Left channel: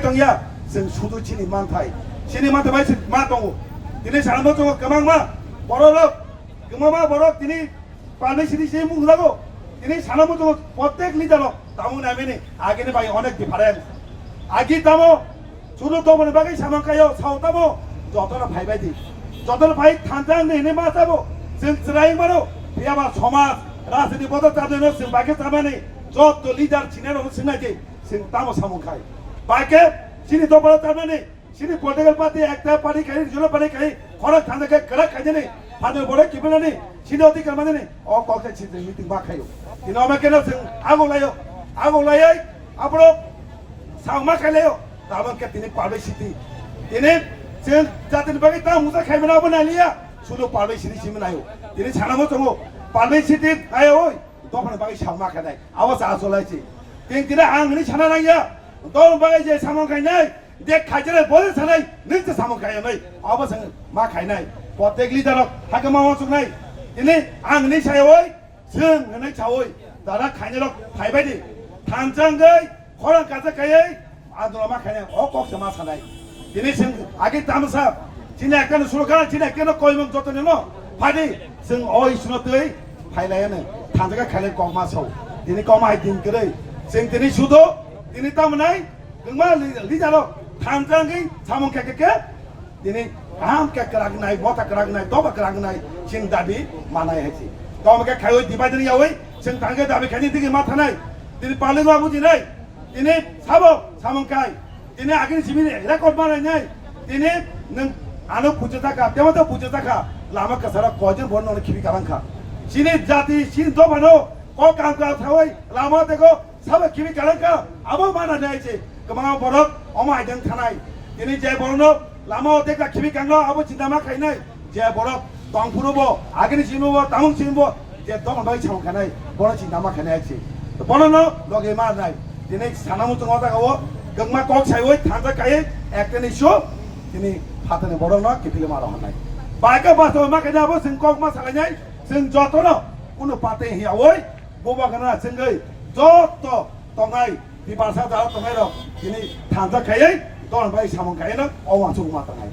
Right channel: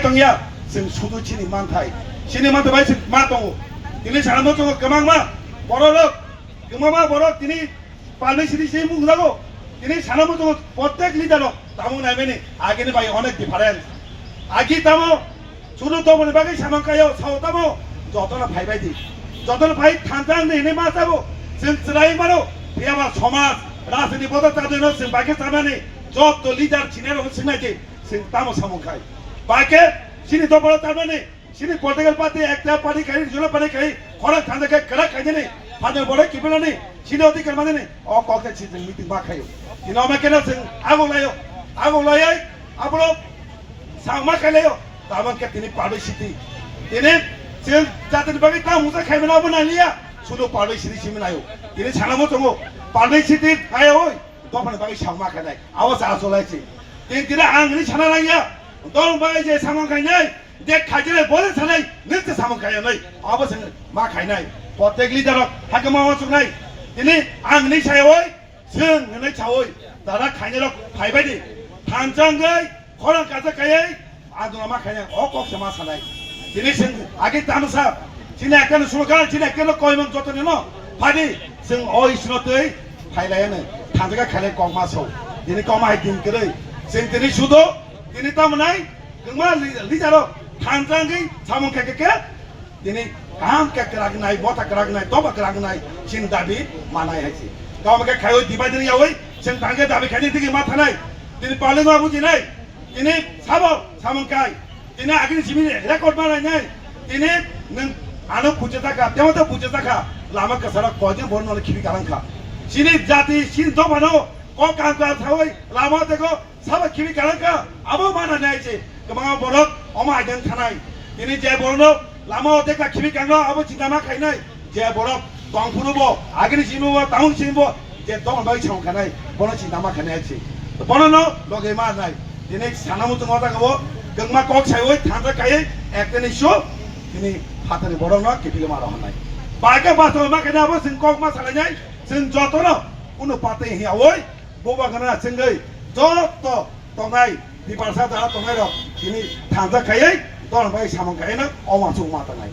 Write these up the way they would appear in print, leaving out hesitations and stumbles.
당이야 생 수도 치니 많다이 치니 많다 많이 많다고 তিনি সারানো তো কেমন মা বড় লোক কেমন মা বড় তিনি পালনে সিটি সেই মুখ লাগো তিনি সারানো তো প্রত্যেক লিডার তামো নাইবেনি আগে নি ভাই অনেক ডিফারেন্স আগে তামো শুরু তো মনে বাকি সামন কায়ো সাও তামো যতনা ভাই ভাইদি যতনা ভাই থানতাং নেনে মা যাবো जों চিরাই মারো বিয়াবা সমাজ রাজনীতি পদে তাদের जों বাকি তামানে যত লিডার চিনে রকম সিনাইতে जों তামো সামন খাই বাকি সিনি তো বড় তামানে সিনি পলিটিক্যাল পার্টি একটা পার্টি খাই জুলো পার্টি খাই খরা থানদাকে করা খাইনে নে ফাদের বড় কি বলনি সিনি অধিকার মানে নে অ কলতে ছি जों মিটিং বা খাইও দিন আমাকেনা जों আগলায় আপনো সামা খাইলেও তাবানকে তিনি পারবে সিটি তিনি जों জাতির বাকি তা মুজা খাইবেনা বনালিয়া শুধু পারবে সিটি সিমিনায়ও তিনি ছানামো দङो পারবে সিটি আয় ওই দফানে বাকি সামা খাইনাय আওয়াজ আসলাইছি তিনি আংনি ছানা নাইয়া দল বাকি যে সামা খাইনাय দে খাইজরে বলে ছানাই নিতে সামা খাইনাय আওয়াজ मा খাইনাय প্রত্যেক লিডার হাকে মাওয়া চুনাই তিনি আংনি সায়ওই जों नै চাওই দাদা খাইনে ফাইবাইদি থানজাঙ্গै খরা কাজা খাইयै আদুলা मा খাইনাय অ ককসে मा সানাই তিনি जों আগে তামসা তিনি একখানে সুরকার তিনি একখানে কয়মন যতনে ন ফাদি जों अ इसनतै फाइलायानो थांजागा खाइले कमासौ दिनै कमाय दिनकरै जों दिनै सुदो दिनै तामनाय गंमा लिजारो थांजांगै सामन केके दिनै काम के करागनाय बता करागनाय दबा करागनाय जों दाबि मानाय हायसि गावमके खायो दिबायदि यावै जों थांगे दाबि खायनि दिगि मा थानाय दिनै पाले बाबु दिनै साबो सामनकाय दिनै आगिनि सिमिनि रेकर्ड बानायनाय दिनै नों आनो बुझे थाका तेमतो बुझे थाका लामा कसारा कयजन बरनले खिबि कालांखा सिनि जाति सिन तो भनो क काम का थावै लामा देखो सब खिबि कालांखा आबो माना नायছে गोबां बरक अमा आइदेन थानाय दिनै जे बरनो लामा देखा खिबि कांगा आबो चिन्तामा खायनाय जे बरक बांफुनोबो आगिनि सिमबो तामुं सिमबो जे दं बाय साव खानाय बर चिन्तामा खानायছে बरनो लगे मा नाय दिनै सानामु दङ दागावो गंमा कक सायवै थांजा कायै एकनि शो दिनै हातनि बरनो किपिले मारा हनाय बाइका बासो मा खायनाबो जों कक मा सालायनाय जों जतनो कुनु पाते हियावै बोबा गना जोंगै जत तंगाय बिबारसा दारा तंगाय र दिनै थांजा खायै दन बाय सामन खायना अमा सुं मा तंगाय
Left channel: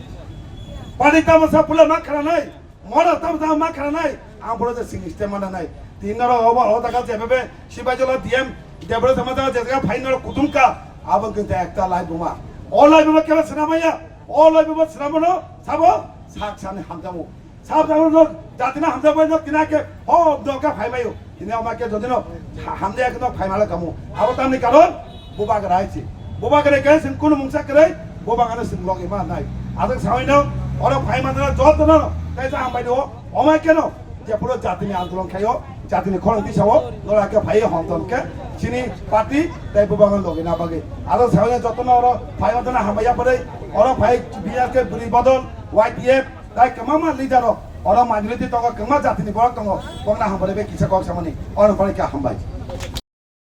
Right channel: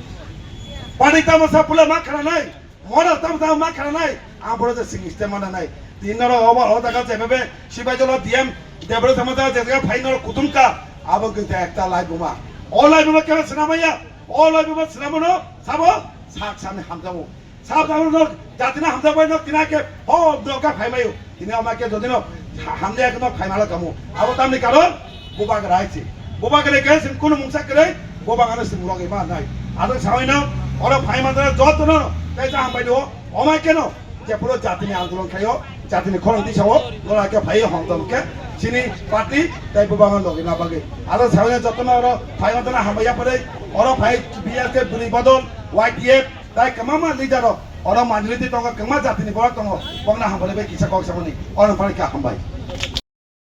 पानि तामसा पुला मा खानाय मरा तामसा मा खानाय आं बरो सिं सिस्टेम मानाय दिनर अबा हदागा जेबे सिबायजल दिएम देब्र समादा जेगा फाइनल कुतुमका आबो गैता एकता लाइबुमा अ लाइबुमा केबे सनामाया अ लाइबुमा सनामनो साबो साक साने हामजामो साब जाबो जातिना हामजाबाय न तिनाके हो दका फाइमायो तिना अमाके जदिन हामदे एकन फाइमाला कामो आबो तामनि कारण बोबा गरायछि बोबा गरे के सिन कुनु मुंसा करे बोबा गाने सिन लगे मा नाय आदो सावैनो अर फाइमादना जतन कायजा हामबायदो अमा केन जे पुरो जातिनि आन्दोलन खायो जातिनि खरंति सावो लराके फाइ हंतनके सिनि पार्टी ताइ बोबा गन लगे ना बागे आदो सावैनो जतन अर फाइमादना हामबाया परे अर फाइ बियाके बुरि बदल वाइटीएफ ताइ कमामा लिडार अर मानलिति तंग कमा जातिनि बरक तंग बंगना हामबाले बे किसा कक सामनि अन फरे का हामबाय